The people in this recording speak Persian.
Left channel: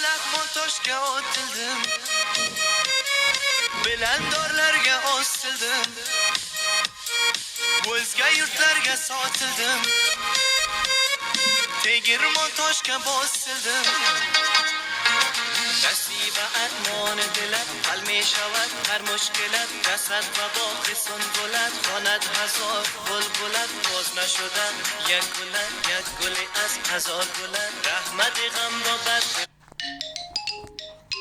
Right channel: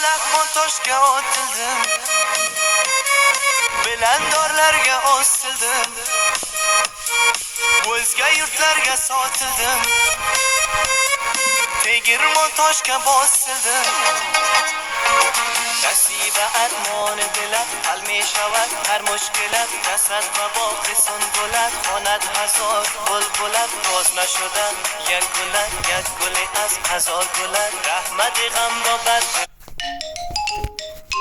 toshga otildim, bilandorlarga osildim, o'zga yurtlarga sotildim, tegirmon toshga bosildim. نصیب ارمان دلت حل می شود هر مشکلت، رسد و باغ سنبلت خواند هزار بلبلت، باز نشدن یک گلت یک گلی از هزار گلت، رحمت غم را بر